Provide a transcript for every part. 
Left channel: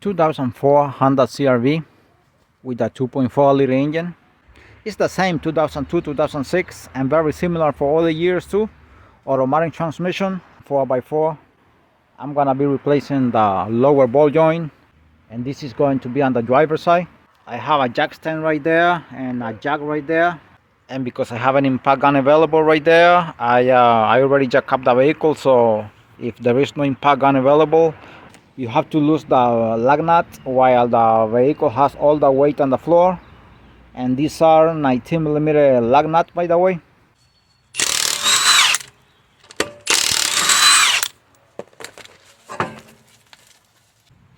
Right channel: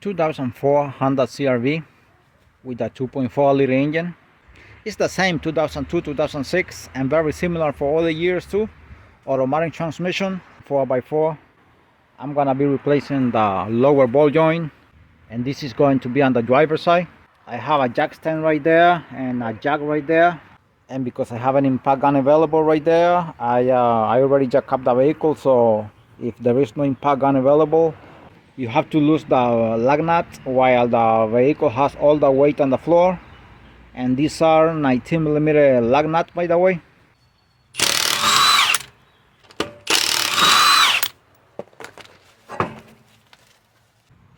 2004 Honda CRV with a 2.4 liter engine. It's the same 2002, 2006 and very similar for all the years too. Automatic transmission, 4x4. I'm gonna be replacing the lower ball joint, and this is going to be on the driver's side. I have a jack stand right there and a jack right there, and because I have an impact gun available right there, I already jack up the vehicle. So if there is no impact gun available, you have to lose the lug nut while the vehicle has all the weight on the floor. And these are 19mm lug nuts, by the way.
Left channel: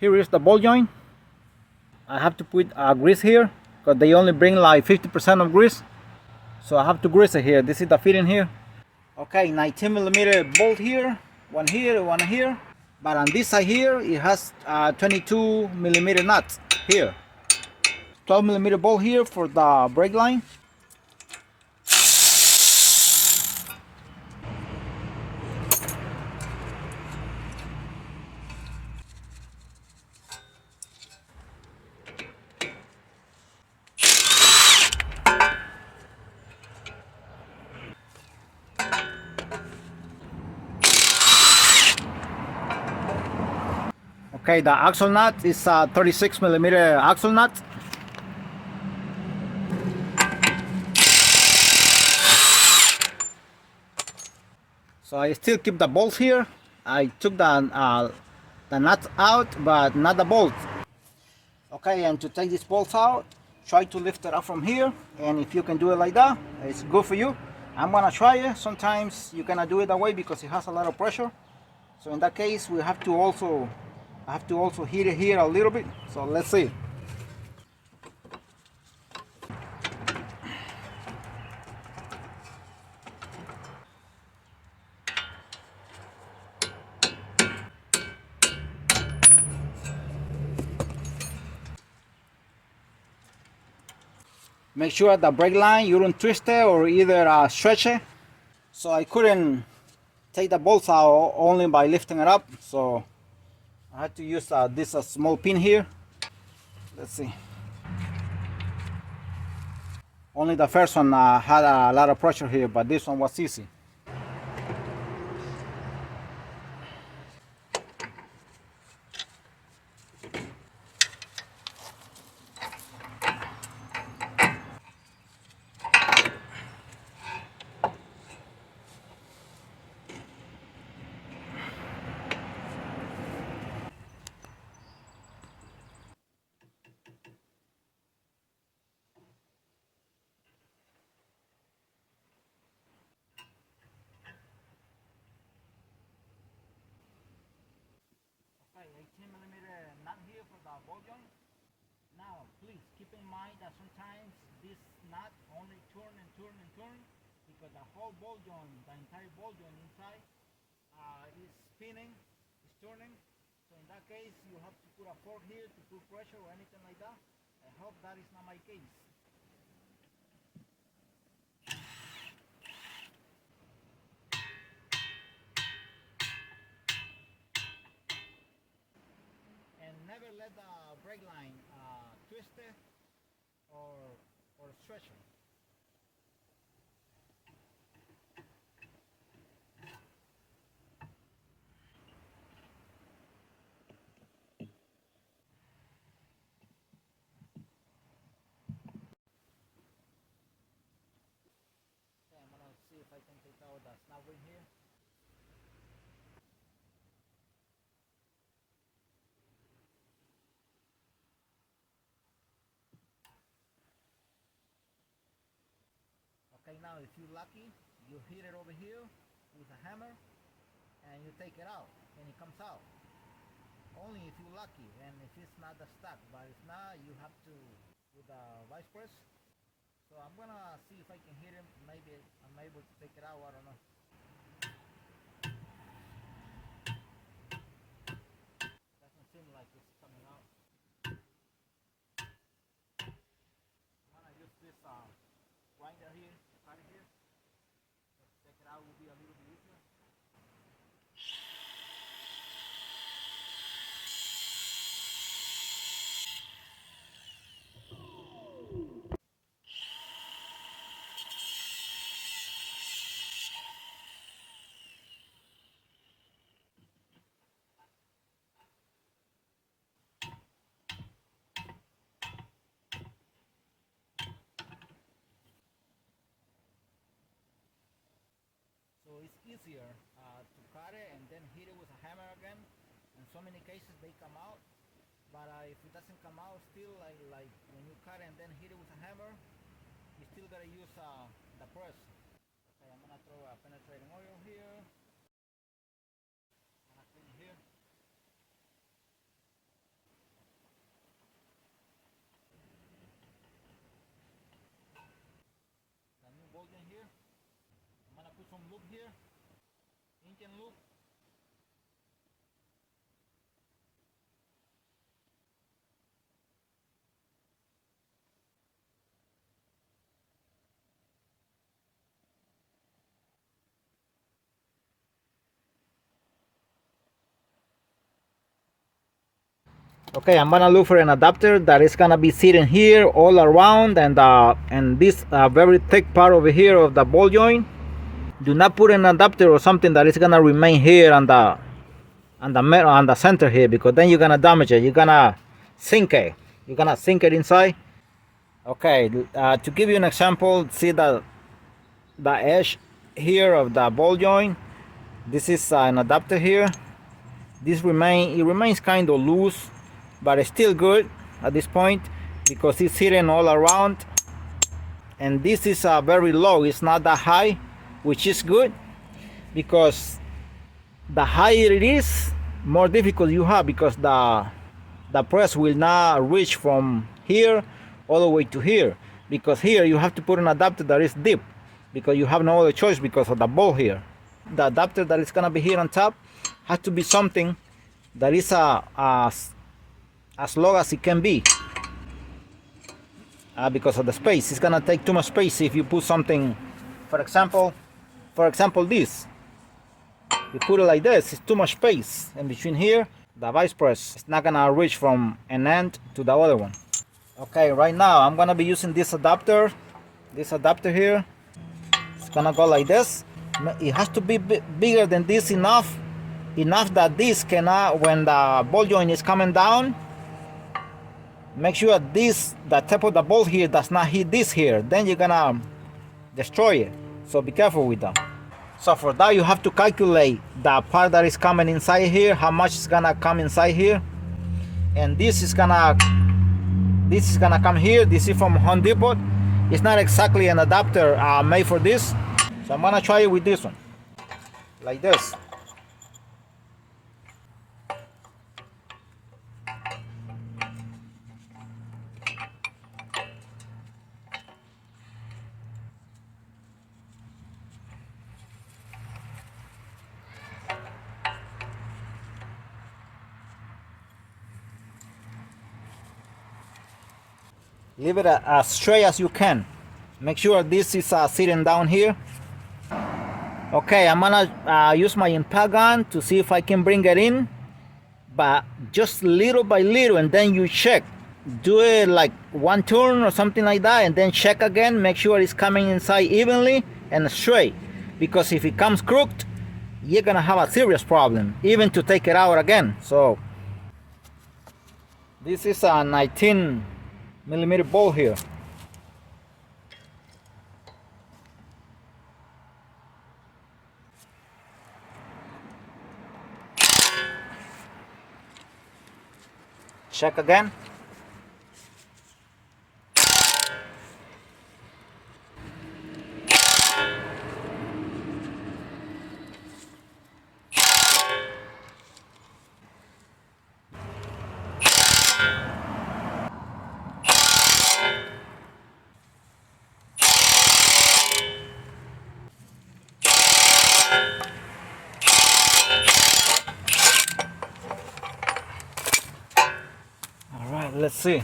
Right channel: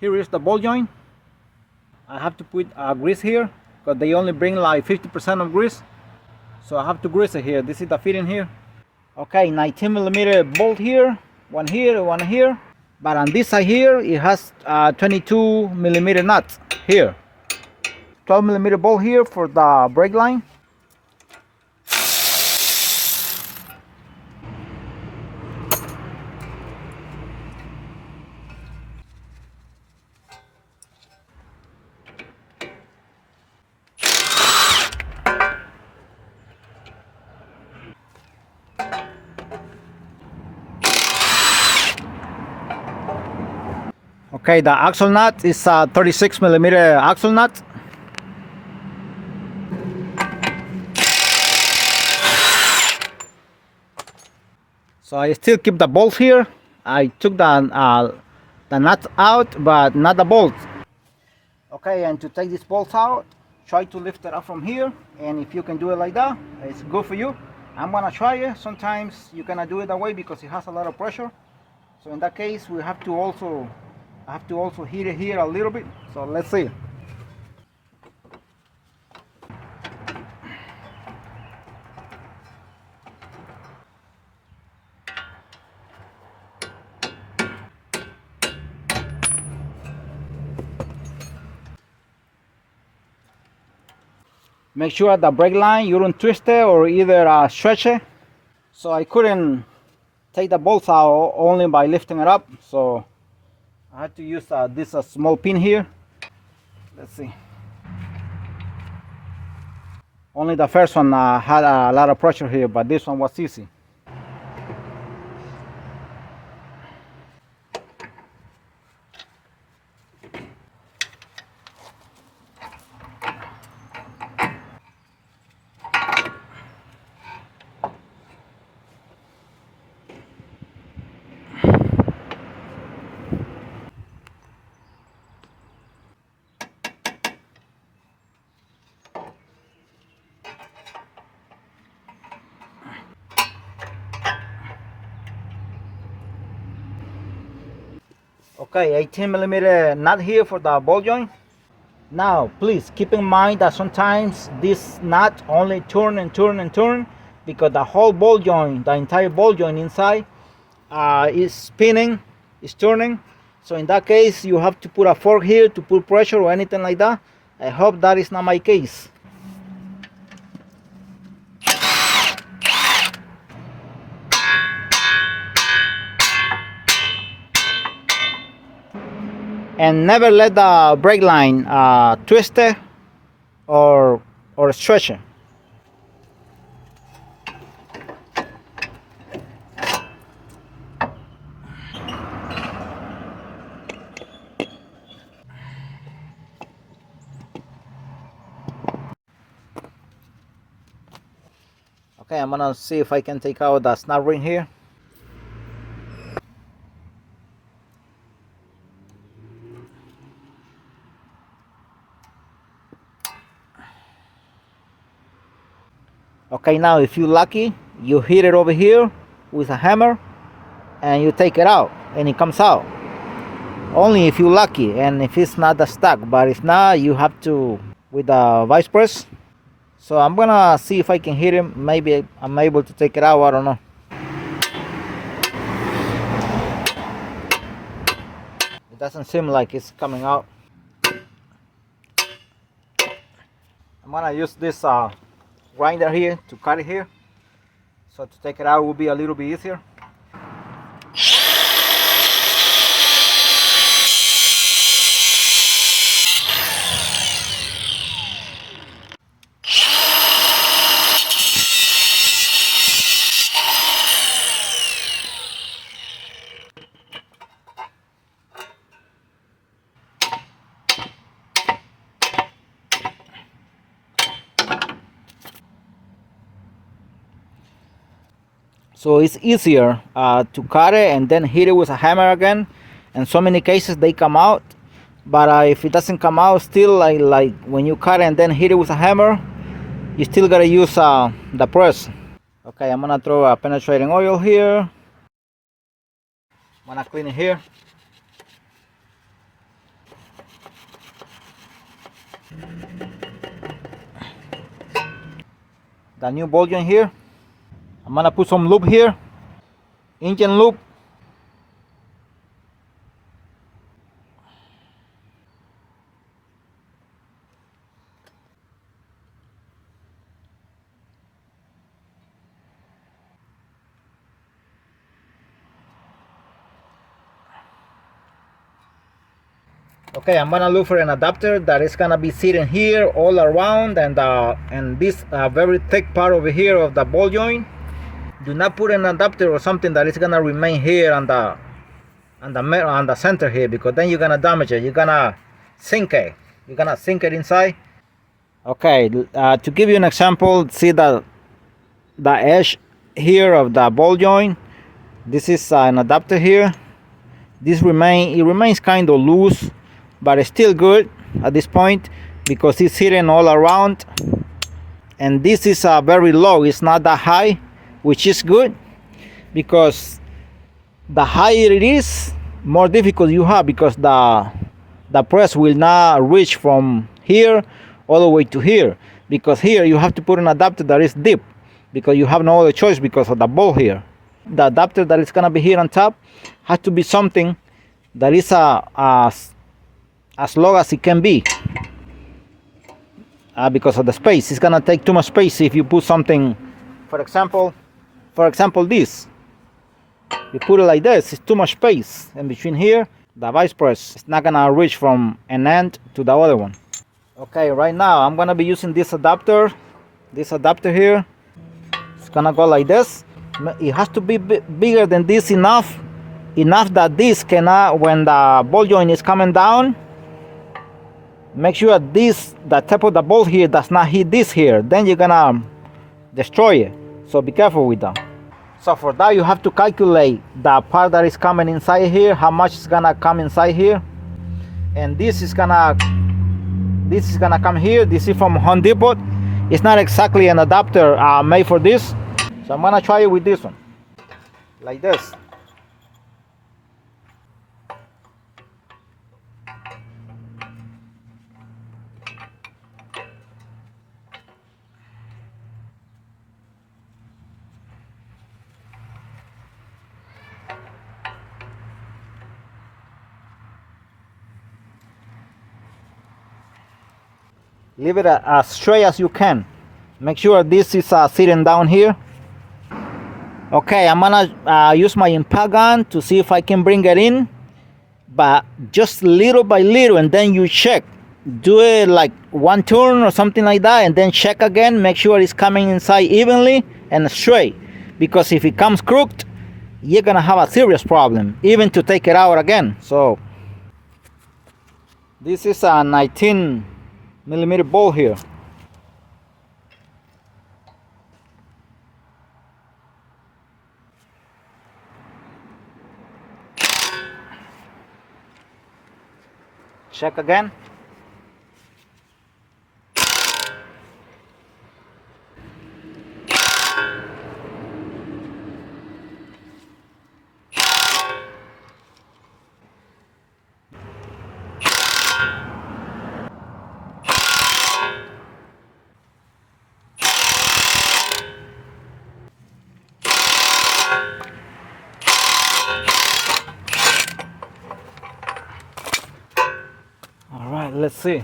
Here is the ball joint. I have to put grease here because they only bring like 50% of grease, so I have to grease it here. This is the fitting here. Okay, 19mm bolt here, one here. But on this side here, it has 22mm nuts here. 12mm bolt here for the brake line. Okay, the axle nut is a 36mm axle nut. So I still keep the bolts here. I took the nuts out, but not the bolt. Okay, and to take these bolts out, try to lift it up from here. And if you can do it like that, it's good for you. I'm gonna try it. Sometimes you cannot do it that way because it has a lot of pressure. So in that case, we have to also heat it here a little bit. So let's see. Make sure the brake line you don't twist it or either stretch it. So I couldn't take the bolts out only by lifting it up. So I had to use this small pin here. Let's see. Only the first one had a lot of pressure here, but this one was easy. Okay, 18mm nut here for the ball joint. Now, please keep in mind that sometimes this nut only turn and turn and turn because the whole ball joint, the entire ball joint inside is spinning, is turning. So in that case, you have to put a fork here to put pressure or anything like that. I hope that is not my case. And never let the brake line twist it or stretch it. Okay, I'm gonna see if I can take out the snap ring here. Okay, now if you're lucky, you hit it over here with a hammer and you take it out and it comes out. Only if you're lucky and if it's not stuck, but if not, you have to with the vice press. So I'm gonna see if I can hit him. Maybe I'm able to take it out, I don't know. It doesn't seem like it's coming out. I'm gonna use this grinder here to cut it here. So to take it out will be a little bit easier. So it's easier to cut it and then hit it with a hammer again. In so many cases they come out, but if it doesn't come out, still like when you cut it and then hit it with a hammer, you still gotta use the press. Okay, I'm gonna throw a penetrating oil here. I'm gonna clean it here. The new ball joint here. I'm gonna put some lube here, engine lube. Okay, I'm gonna look for an adapter that is gonna be sitting here all around, and this very thick part over here of the ball joint. Do not put an adapter or something that is gonna remain here on the center here, because then you're gonna damage it. You're gonna sink it. You're gonna sink it inside. Okay, to give you an example, see the edge here of the ball joint. This is an adapter here. It remains kind of loose, but it's still good at this point because it's hidden all around. And this is very low. It's not that high, which is good, because the higher it is, more difficult you have, because the press will not reach from here all the way to here, because here you have to put an adapter that is deep, because you have no other choice because of the ball here. The adapter that is gonna be here on top has to be something that is as low as it can be, because of the space. It's gonna take too much space if you put something, for example this. You put it like this, it's too much space in between here. The vice press is not gonna reach from an end to the other one. Okay, right now I'm gonna be using this adapter here. It's gonna go like this. It has to be bigger than this, enough that this cannot, when the ball joint is coming down, make sure the top of the ball here does not hit this here, then you're gonna destroy it. So be careful with that. So for that you have to calculate the part that is coming inside here, how much is gonna come inside here, and this is gonna come here. This is from Home Depot. It's not exactly an adapter made for this, so I'm gonna try it with this one, like this. Leave it as straight as you can. Make sure this is sitting down here. Okay, I'm gonna use my impact gun to see if I can bring it in, but just little by little, and then you check. Do it like one turn or something like that, and then check again. Make sure it's coming inside evenly and straight, because if it comes crooked, you're gonna have a serious problem, even to take it out again. So this is a 19mm ball here. Check again. All right, let's see.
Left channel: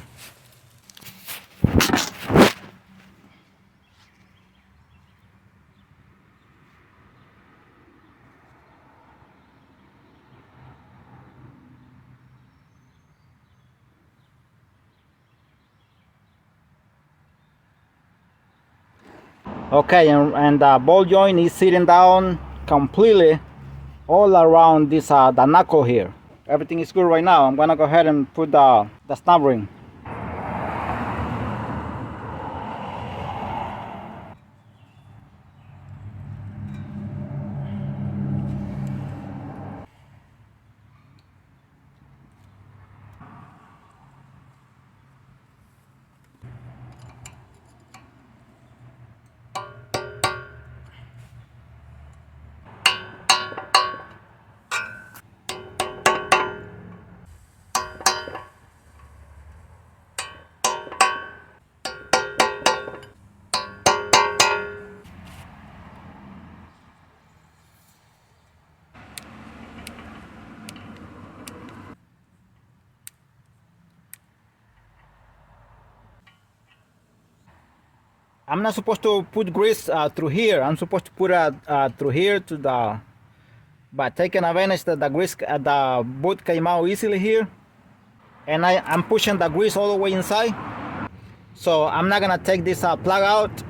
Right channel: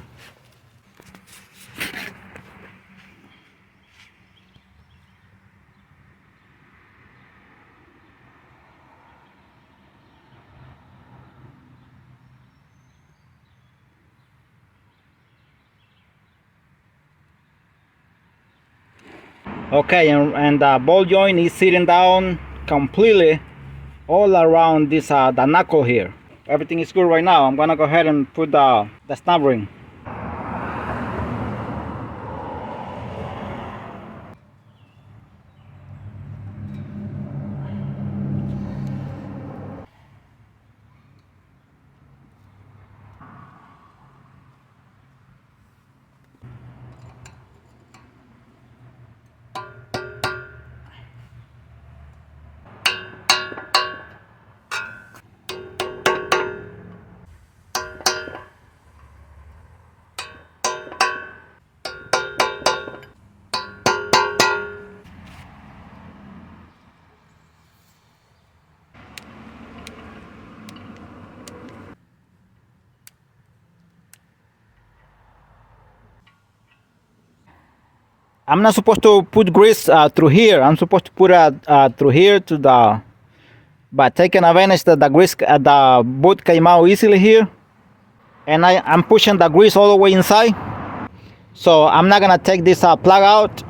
Okay, and the ball joint is sitting down completely all around this the knuckle here. Everything is good right now. I'm gonna go ahead and put the snap ring. I'm not supposed to put grease through here. I'm supposed to put it through here to the, but taking advantage that the grease, the bolt came out easily here, and I'm pushing the grease all the way inside. So I'm not gonna take this plug out.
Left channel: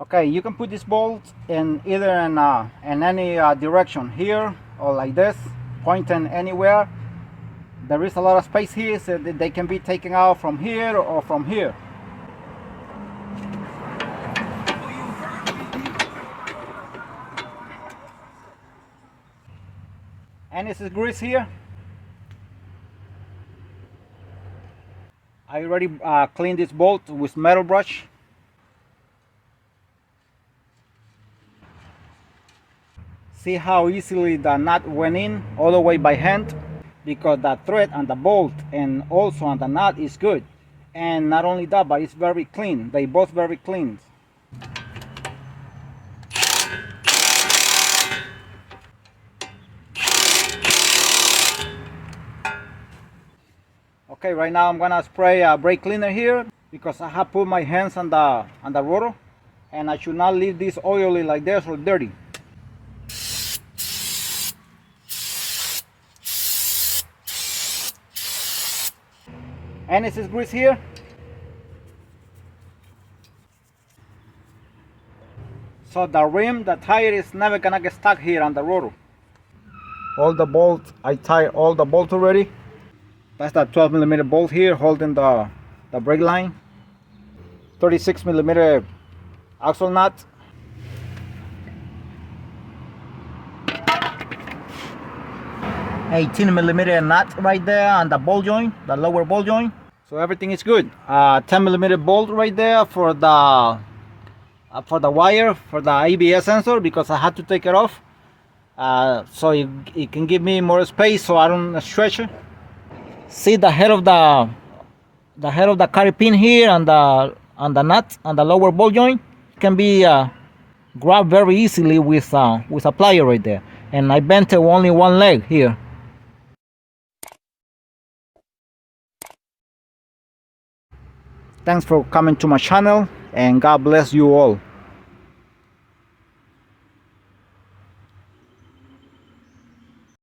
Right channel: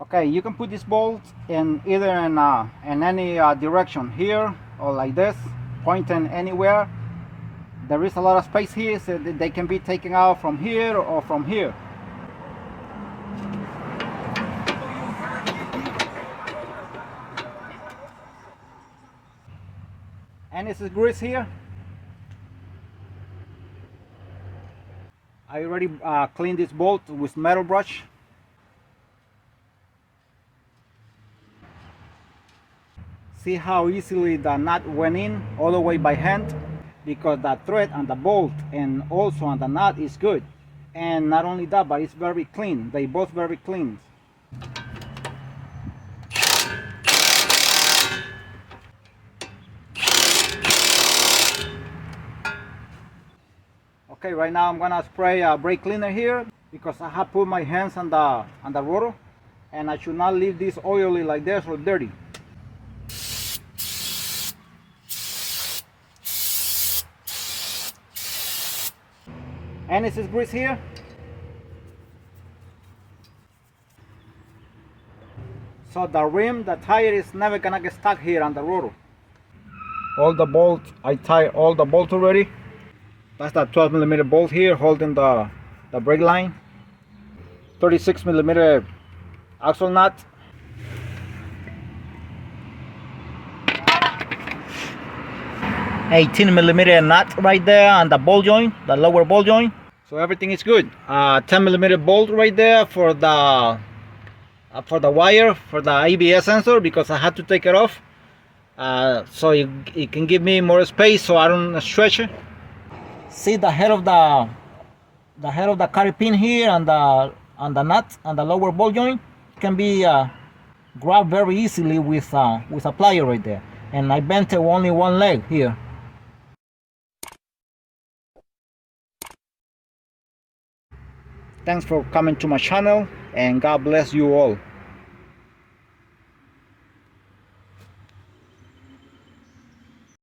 Okay, you can put this bolt in either in any direction, here or like this, pointing anywhere. There is a lot of space here, so that they can be taken out from here or from here. And this is grease here. I already cleaned this bolt with metal brush. See how easily the nut went in all the way by hand, because the thread and the bolt and also on the nut is good. And not only that, but it's very clean. They both very clean. Okay, right now I'm gonna spray a brake cleaner here because I have put my hands on the rotor, and I should not leave this oily like this or dirty. And this is grease here. So the rim, the tire is never gonna get stuck here on the rotor. All the bolts, I tied all the bolts already. That's that 12mm bolt here holding the brake line. 36mm axle nut. 18mm nut right there on the ball joint, the lower ball joint. So everything is good. 10mm bolt right there for the wire for the ABS sensor, because I had to take it off. So it can give me more space so I don't stretch it. See the head of the carry pin here on the nut on the lower ball joint can be grabbed very easily with a plier right there. And I bent it only one leg here. Thanks for coming to my channel, and God bless you all.